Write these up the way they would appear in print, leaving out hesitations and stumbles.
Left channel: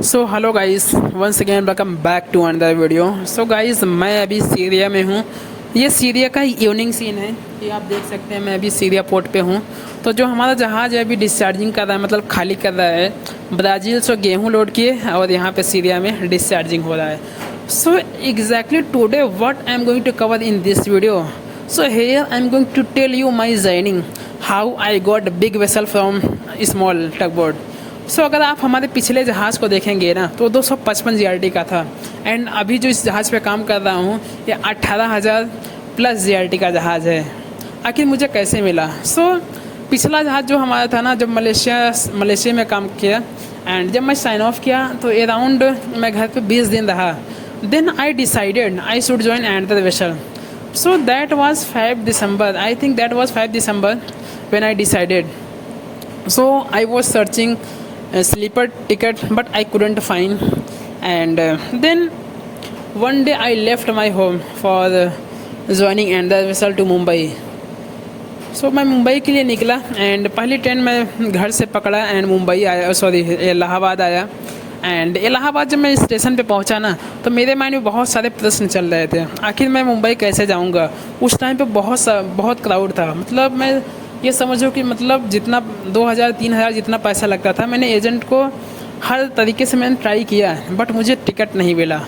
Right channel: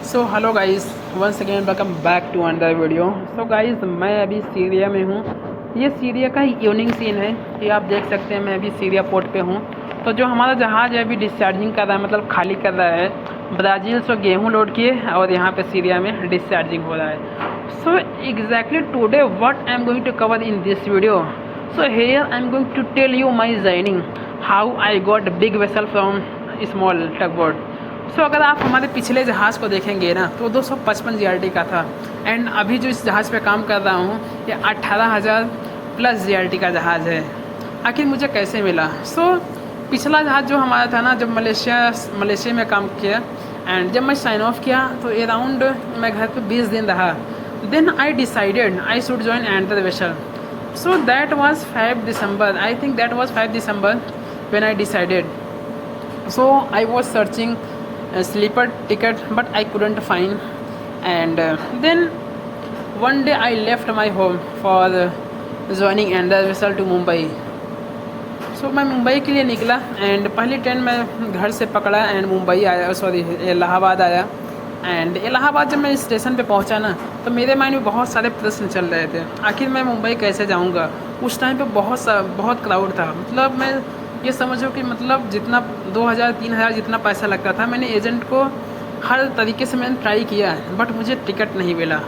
So hello guys, once again welcome back to another video. So guys, मैं अभी Syria में हूँ। ये सीरिया का इवनिंग सीन है। ये आप देख सकते हैं, मैं अभी सीरिया पोर्ट पे हूँ। तो जो हमारा जहाज़ है अभी डिस्चार्जिंग कर रहा है, मतलब खाली कर रहा है। ब्राज़ील से गेहूँ लोड किए और यहाँ पे सीरिया में डिस्चार्जिंग हो रहा है। So exactly today what I am going to cover in this video. So here I'm going to tell you my journey, how I got big vessel from small tugboat. सो अगर आप हमारे पिछले जहाज़ को देखेंगे ना तो 255 जीआरटी का था। एंड अभी जो इस जहाज़ पे काम कर रहा हूँ ये 18,000 प्लस जीआरटी का जहाज़ है। आखिर मुझे कैसे मिला? पिछला जहाज़ जो हमारा था ना, जब मलेशिया में काम किया एंड जब मैं साइन ऑफ किया तो अराउंड मैं घर पे 20 दिन रहा। Then I decided I should join another vessel. So that was 5 December. I think that was 5 December when I decided. So I was searching a sleeper ticket, but I couldn't find. And then one day I left my home for joining another vessel to Mumbai. सो मैं मुंबई के लिए निकला and पहली train मैं घर से पकड़ा and Mumbai आया, सॉरी इलाहाबाद आया। एंड इलाहाबाद जब मैं स्टेशन पे पहुंचा ना तो मेरे माइंड में बहुत सारे प्रश्न चल रहे थे। आखिर मैं मुंबई कैसे जाऊंगा? उस टाइम पे बहुत क्राउड था। मतलब मैं ये समझो कि मतलब जितना 2,000-3,000 जितना पैसा लगता था, मैंने एजेंट को हर तरीके से मैंने ट्राई किया बट मुझे टिकट नहीं मिला।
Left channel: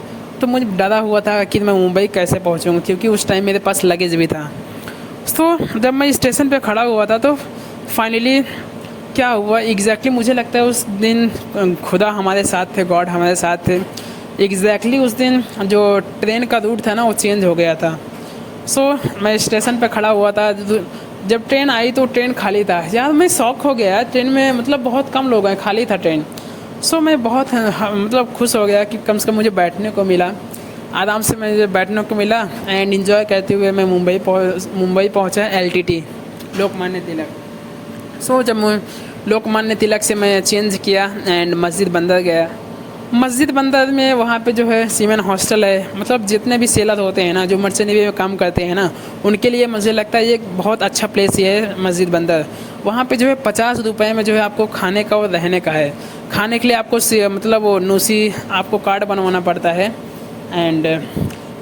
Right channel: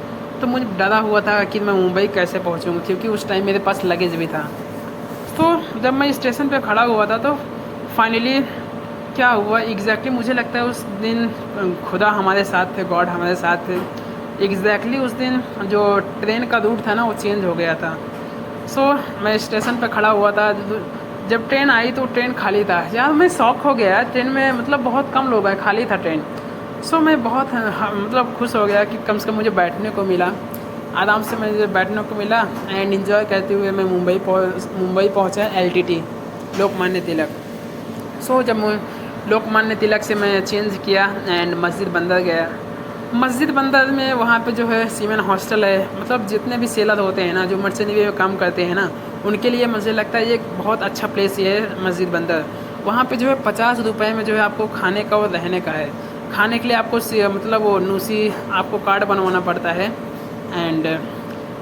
तो मुझे डरा हुआ था कि मैं मुंबई कैसे पहुँचूँगा, क्योंकि उस टाइम मेरे पास लगेज भी था। तो जब मैं स्टेशन पे खड़ा हुआ था तो फाइनली क्या हुआ एग्जैक्टली मुझे लगता है उस दिन खुदा हमारे साथ थे, गॉड हमारे साथ थे। एग्जैक्टली उस दिन जो ट्रेन का रूट था ना वो चेंज हो गया था। मैं स्टेशन पे खड़ा हुआ था। जब ट्रेन आई तो ट्रेन खाली था। यार मैं शॉक हो गया, ट्रेन में मतलब बहुत कम लोग हैं, खाली था ट्रेन। मैं बहुत मतलब खुश हो गया कि कम से कम मुझे बैठने को मिला, आराम से मुझे बैठने को मिला। एंड इन्जॉय करते हुए मैं मुंबई पहुंचा, LTT लोकमान्य तिलक। जब लोकमान्य तिलक से मैं चेंज किया एंड मस्जिद बंदर गया। मस्जिद बंदर में वहाँ पे जो है सीमेन हॉस्टल है। मतलब जितने भी सेलर होते हैं ना, जो मर्चेंट नेवी में काम करते हैं ना, उनके लिए मुझे लगता है ये एक बहुत अच्छा प्लेस ये है मस्जिद बंदर। वहाँ पे जो है 50 रुपये में जो है आपको खाने का और रहने का है। खाने के लिए आपको मतलब वो नूसी आपको कार्ड बनवाना पड़ता है। एंड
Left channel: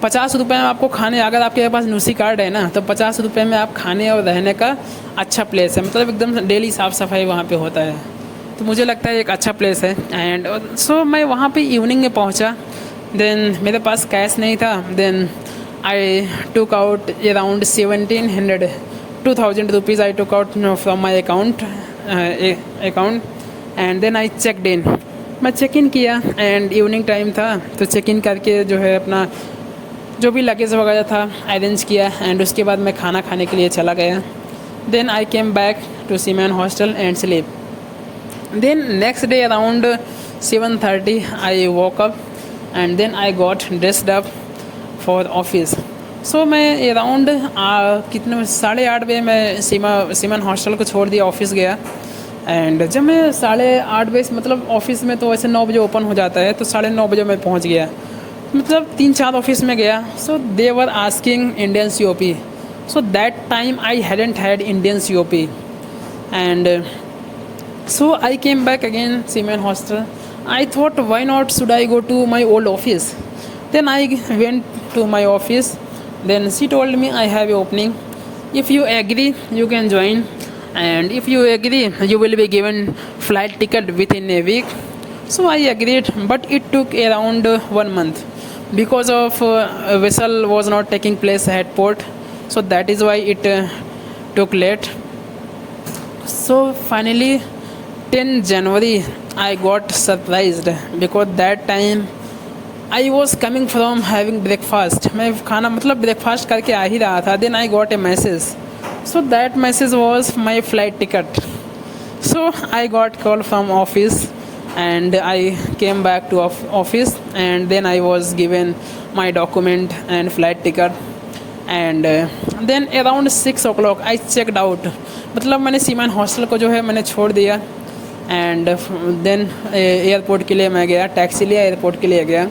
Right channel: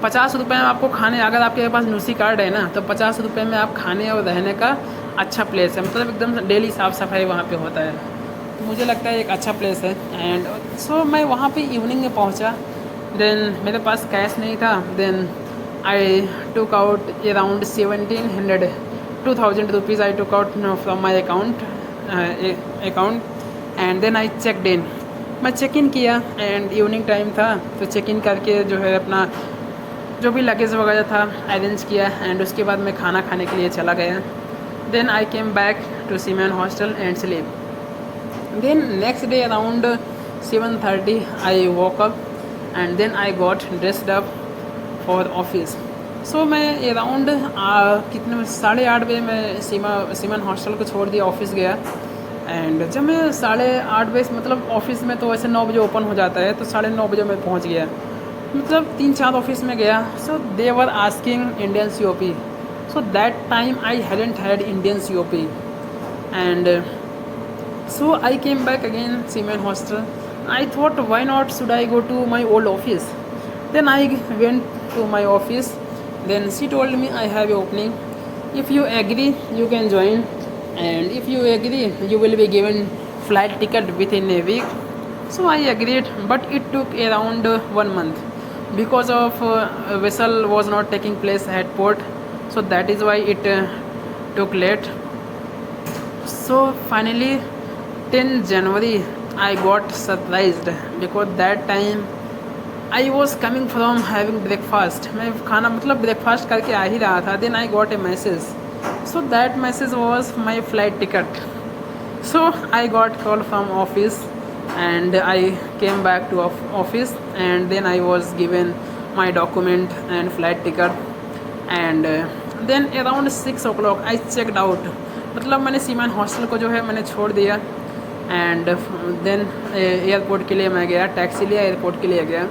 50 रुपये में आपको खाने, अगर आपके पास नूसी कार्ड है ना तो 50 रुपये में आप खाने और रहने का अच्छा प्लेस है। मतलब एकदम डेली साफ़ सफाई वहाँ पे होता है। तो मुझे लगता है एक अच्छा प्लेस है। एंड मैं वहाँ पे इवनिंग में पहुँचा। देन मेरे पास कैश नहीं था। Then I took out around 2,000 rupees I took out from my account. And then I checked in. मैं चेक इन किया एंड इवनिंग टाइम था तो चेक इन करके जो है अपना जो भी लगेज वगैरह था अरेंज किया। एंड उसके बाद मैं खाना खाने के लिए चला गया। Then I came back to seaman hostel and sleep. Then next day around 7:30 I woke up and then I got dressed up for office. मैं अराउंड कितने 8:30 बजे मैं सीमैन हॉस्टल को छोड़ दिया, ऑफिस गया। एंड जब मैं 8:30 बजे, मतलब ऑफिस में तो वैसे 9 बजे ओपन हो जाता है, तो 9:30 बजे मैं पहुंच गया। मतलब 3-4 ऑफिस में गया। They were asking Indian COP। That time I hadn't had Indian COP। And I came back again seamen hostel. I thought why not should I go to my old office. Then I went to my office. Then she told me I have a opening, if you agree you can join, and if you agree you will be given flight ticket within a week. I agreed, but it took around 1 month because of a vessel was not taking place at port. That is why it took late. Finally 10 January I got surprised because that time I was coming from having breakfast. मैं खाना मतलब breakfast करके आ ही रहा था। Then I got a message. That message was my flight ticket. I got call from office and I came back to office and then I was given my document and flight ticket. And then around 6 o'clock I checked out. मतलब मैंने seaman hostel को जो है मैंने छोड़ दिया। And then airport के लिए मैं गया, टैक्सी लिया, एयरपोर्ट के लिए गया।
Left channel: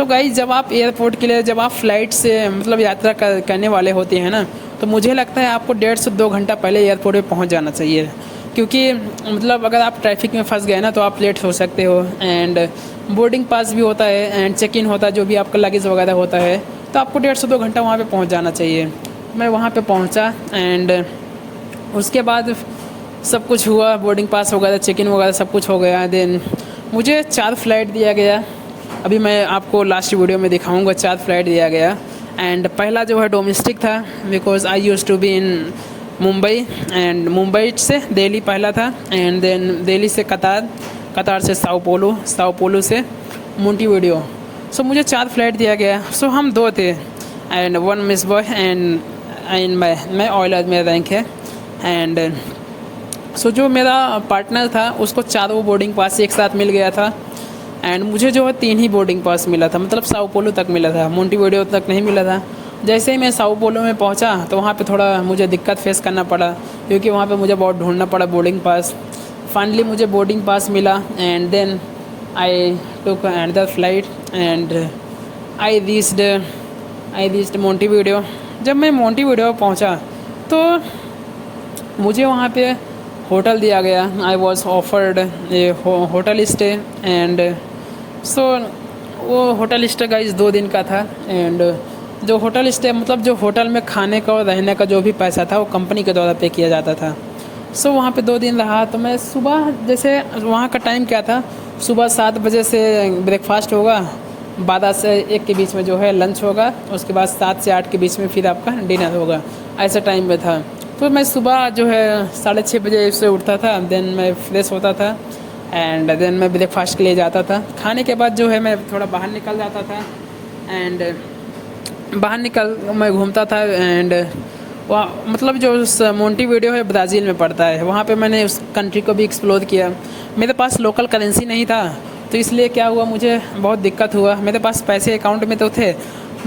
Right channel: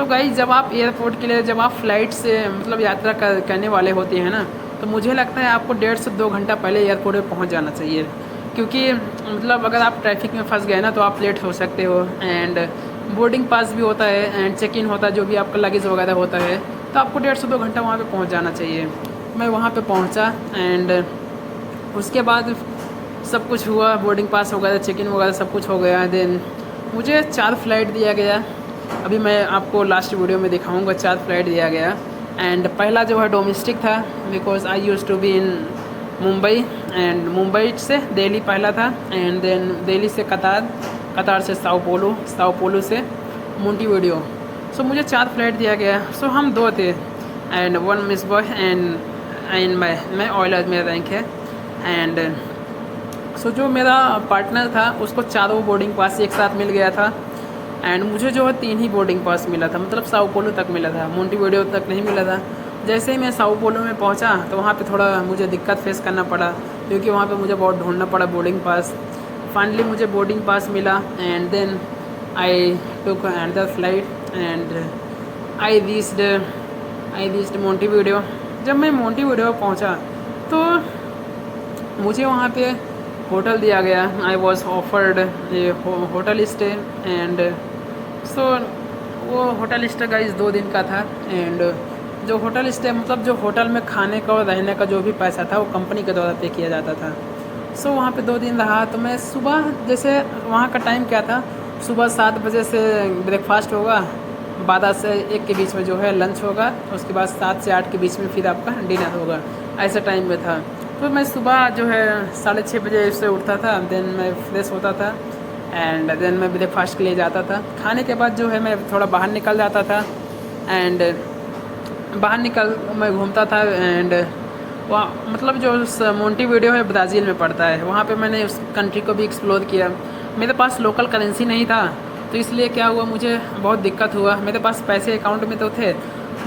गाइस, जब आप एयरपोर्ट के लिए जब आप फ़्लाइट से मतलब यात्रा करने वाले होते हैं ना, तो मुझे लगता है आपको 1.5 से 2 घंटा पहले एयरपोर्ट पे पहुंच जाना चाहिए, क्योंकि मतलब अगर आप ट्रैफिक में फंस गए ना तो आप लेट हो सकते हो। एंड बोर्डिंग पास भी होता है एंड चेक इन होता है, जो भी आपका लगेज वगैरह होता है, तो आपको 1.5 से 2 घंटा वहाँ पे पहुँच जाना चाहिए। मैं वहाँ पे पहुँचा एंड उसके बाद सब कुछ हुआ, बोर्डिंग पास वगैरह चेक इन वगैरह सब कुछ हो गया। देन मुझे 4 फ्लाइट दिया गया। अभी मैं आपको लास्ट वीडियो में दिखाऊंगा, 4 फ्लाइट दिया गया। एंड पहला जो है डोमेस्टिक था, because I used to be in Mumbai, and Mumbai से दिल्ली पहला था, एंड देन दिल्ली से कतार, कतार से साओ पोलो, साओ पोलो से मोंटेविडियो। सो मुझे 4 फ्लाइट दिया गया। सो हम 2 थे एंड 1 मिस बॉय एंड मैं ऑयल मेरा रैंक है। एंड सो जो मेरा पार्टनर था उसको 4 बोर्डिंग पास एक साथ मिल गया था, एंड मुझे जो है 3 ही बोर्डिंग पास मिला था, मतलब साओ पोलो तक मिला था, मोंटेविडियो तक नहीं मिला था। जैसे ही मैं साओ पोलो में पहुंचा तो वहाँ पे थोड़ा मुझे दिक्कत फेस करना पड़ा, क्योंकि वहाँ पे मुझे बहुत ढूंढना पड़ा बोर्डिंग पास। फाइनली मुझे बोर्डिंग पास मिला and then I took another flight and I reached Montevideo. जब मैं मोंटेविडियो पहुँचा तो मुझे वहाँ पे होटल दिया गया। I was offered A hotel stay and so वो होटल स्टे गाइस 2 दिन का था। एंड जो होटल स्टे मतलब जो होटल में खाने का और रहने का जो भी पैसा था वो कंपनी के द्वारा पे किया जाता था। सो वहाँ पे 2 दिन रहा। तो मैं सुबह, जैसे वहाँ का टाइम क्या था, सुबह 7 बजे से ब्रेकफास्ट होगा, 12 से 1 के बीच में जो है लंच होगा, उसके बाद 7 से 8 के बीच में फिर आपका डिनर होगा, ऐसा टाइम में था। तो मैं सुबह जो है 6:30 बजे से उठता था, देन मैं फ्रेश होता था एंड देन मैं ब्रेकफास्ट के लिए जाता था। खाने के बाद जो है मैं थोड़ा बाहर निकल जाता था एंड बाहर निकल मैं घूमता था। एंड वहाँ मतलब जो मोंटेविडियो है ब्राज़ील में पड़ता है, वहाँ पे मैंने उस कंट्री को भी एक्सप्लोर किया। मेरे पास लोकल करेंसी नहीं था, तो इसलिए क्या हुआ, मुझे बहुत दिक्कत हुआ। मेरे पास पैसे अकाउंट में तो थे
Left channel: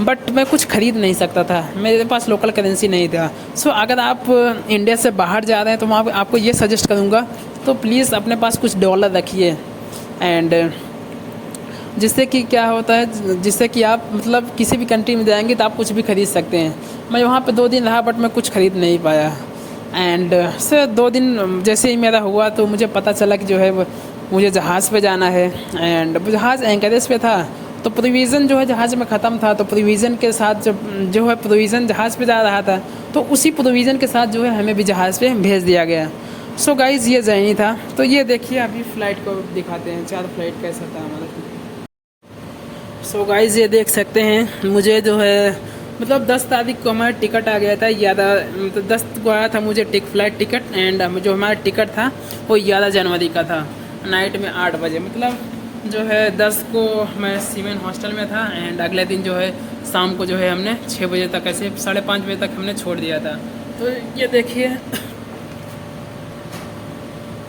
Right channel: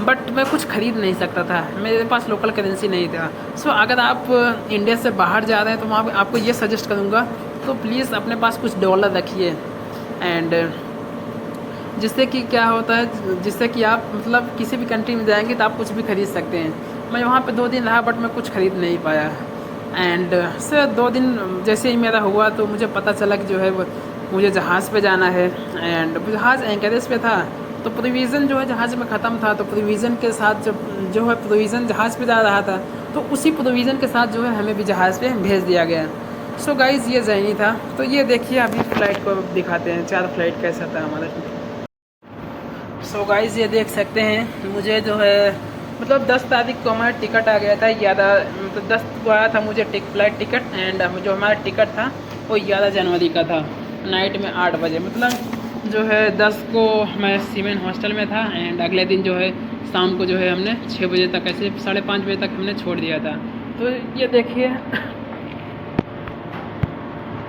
बट मैं कुछ ख़रीद नहीं सकता था, मेरे पास लोकल करेंसी नहीं था। सो अगर आप इंडिया से बाहर जा रहे हैं तो मैं आपको ये सजेस्ट करूँगा, तो प्लीज़ अपने पास कुछ डॉलर रखिए। एंड जिससे कि क्या होता है, जिससे कि आप मतलब किसी भी कंट्री में जाएंगे तो आप कुछ भी खरीद सकते हैं। मैं वहाँ पे 2 दिन रहा बट मैं कुछ खरीद नहीं पाया। एंड सर 2 दिन जैसे ही मेरा हुआ तो मुझे पता चला कि जो है मुझे जहाज़ पे जाना है। एंड जहाज़ एंकरेज पे था, तो प्रोविज़न जो है जहाज़ में ख़त्म था, तो प्रोविज़न के साथ जब जो है प्रोविज़न जहाज़ पे जा रहा था, तो उसी प्रोविज़न के साथ जो है हमें भी जहाज़ पे भेज दिया गया। सो गाइज़ ये जर्नी था। तो ये देखिए अभी फ़्लाइट को दिखाते हैं, 4 फ्लाइट कैसा था हमारा। सो गाइज़ ये देख सकते हैं, मुझे जो है मतलब 10 तारीख को हमारा टिकट आ गया था, 10 को आया था मुझे फ्लाइट टिकट। एंड जो हमारा टिकट था वो 11 जनवरी का था, नाइट में 8 बजे। मतलब जो है 10 को मैं सीमेन हॉस्टल में था एंड अगले दिन जो है शाम को जो है हमने 6 बजे तक, ऐसे 5:30 बजे तक हमने छोड़ दिया था। तो ये देखिए,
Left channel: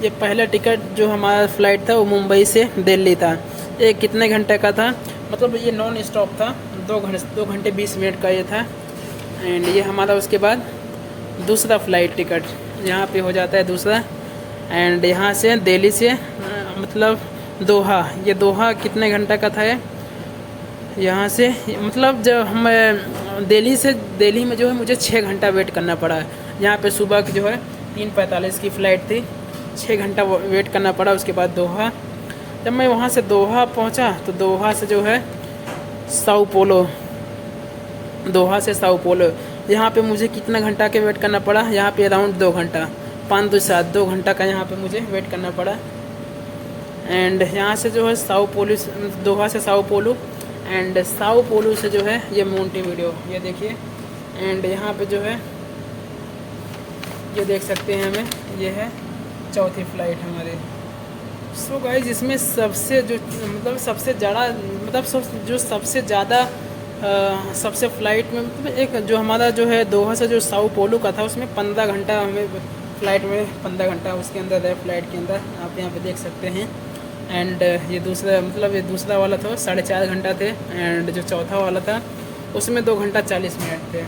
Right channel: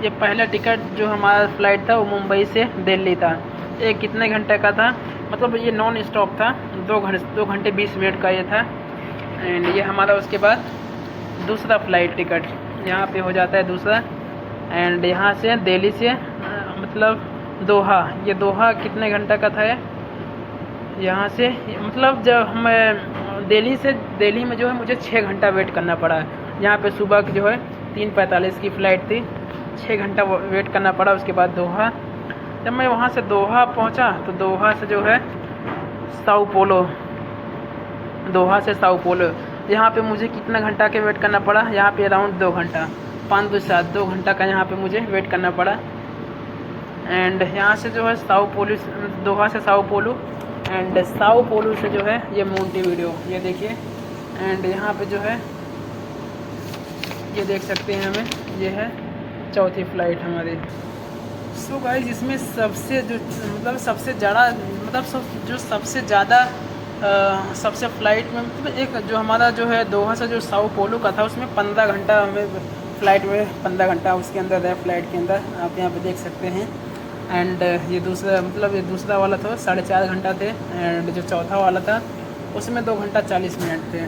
ये पहला टिकट जो हमारा फ़्लाइट था वो मुंबई से दिल्ली था। ये कितने घंटे का था, मतलब ये नॉन स्टॉप था, 2 घंटे 20 मिनट का ये था। एंड ये हमारा उसके बाद दूसरा फ़्लाइट टिकट यहाँ पे हो जाता है दूसरा। एंड यहाँ से दिल्ली से मतलब दोहा, ये दोहा कितने घंटा का था, यहाँ से मतलब जब मैं दिल्ली में जो है मुझे 6 घंटा वेट करना पड़ा। यहाँ पे सुबह की जो है 3:45 की फ़्लाइट थी, 6 घंटा वेट करना पड़ा। उसके बाद दोहा, जब मैं वहाँ से दोहा पहुँचा तो दोहा से जो है साओ पोलो, दोहा से साओ पोलो, यहाँ पे मुझे कितना घंटा के वेट करना पड़ा, यहाँ पे अराउंड 2 घंटा, 5 2 7 2 घंटा का यहाँ पे मुझे वेट करना पड़ा। एंड यहाँ से जो है साओ पोलो, दोहा से Sao Paulo, and Sao Paulo से जो है ये मोंटेविडियो, ये देखिए। एंड यहाँ पे जो है ये देख सकते हैं हमें, ये है चौथी फ़्लाइट हमारी। सो गाइस इसमें सबसे जो मतलब सबसे ज़्यादा मतलब सबसे ज़्यादा सबसे फ़्लाइट में मतलब एक जो हमारा जो है दोहा से जो साओ पोलो का था, उसमें 15 घंटा हमें फ़्लाइट में 15 घंटा उसके अंदर है, फ़्लाइट के अंदर आप यहाँ पे देख सकते हैं। एंड ये दूसरा मतलब ये दूसरा वाला था 4.5 घंटा थे, एंड जो चौथा वाला था उसमें 2 घंटा 40 मिनट थे।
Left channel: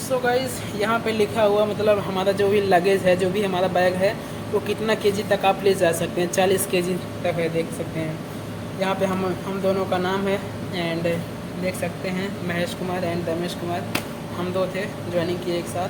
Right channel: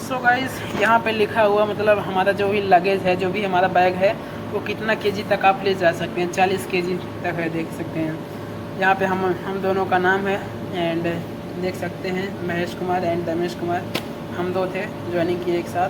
सो गाइस यहाँ पे लिखा हुआ मतलब हमारा जो भी लगेज है, जो भी हमारा बैग है, वो कितना केजी तक आप ले जा सकते हैं, 40 केजी तक है, देख सकते हैं। यहाँ पे हम दोनों का नाम है एंड देख सकते हैं महेश कुमार एंड रमेश कुमार, हम 2 थे ज्वाइनिंग किए एक साथ।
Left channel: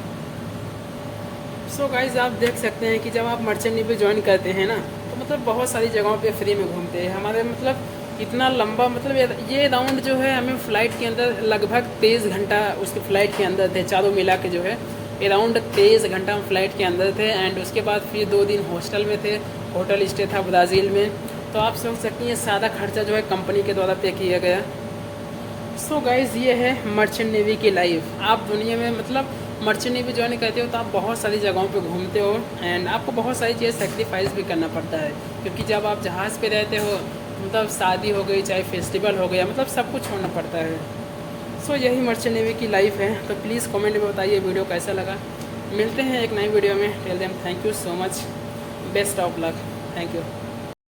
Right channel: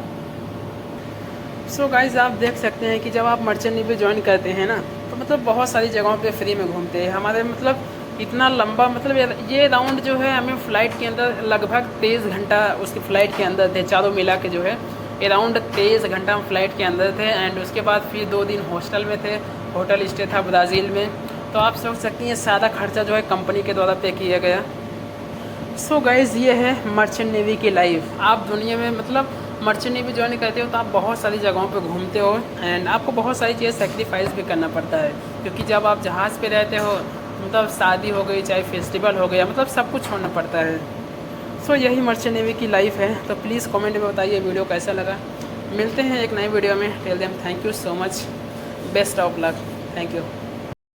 सो गाइज आप देख सकते हैं कि जब आप मर्चेंट नेवी ज्वाइन करते हैं ना, तो मतलब बहुत सारी जगहों पे फ्री में घूमते हैं। हमारे मतलब इतना लंबा मतलब ये राउंड जो है हमें फ़्लाइट के अंदर लगभग 23 घंटा उसकी फ़्लाइट के अंदर थे, चारों मिला के जो है ये राउंड 23 घंटा हम फ्लाइट के अंदर थे। एंड उसके बाद फिर 2 दिन हॉस्टल में थे, होटल स्टे था ब्राज़ील में। तो आप सोच सकती हैं सारा खर्चा जो है कंपनी के द्वारा पे किया गया। सो गाइज़ ये है मर्चेंट नेवी की लाइफ। आप दुनिया में मतलब मर्चेंट नेवी ज्वाइन करते हो तो आप बहुत सारी जगहों पे घूमते हो एंड आपको बहुत सारी चीज़ें सेक्रीफाइस भी करना पड़ता है, क्योंकि जब आप जहाज़ पे रहते हो मतलब शादी हो गई चाहे फेस्टिवल हो गया, मतलब सब कुछ छोड़ना पड़ता है। सो यही मर्चेंट नेवी की लाइफ है। तो प्लीज़ कमेंट में बताइए वीडियो कैसा लगा। मिलते हैं एक नई वीडियो में। Till then thank you so much, best of luck, thank you.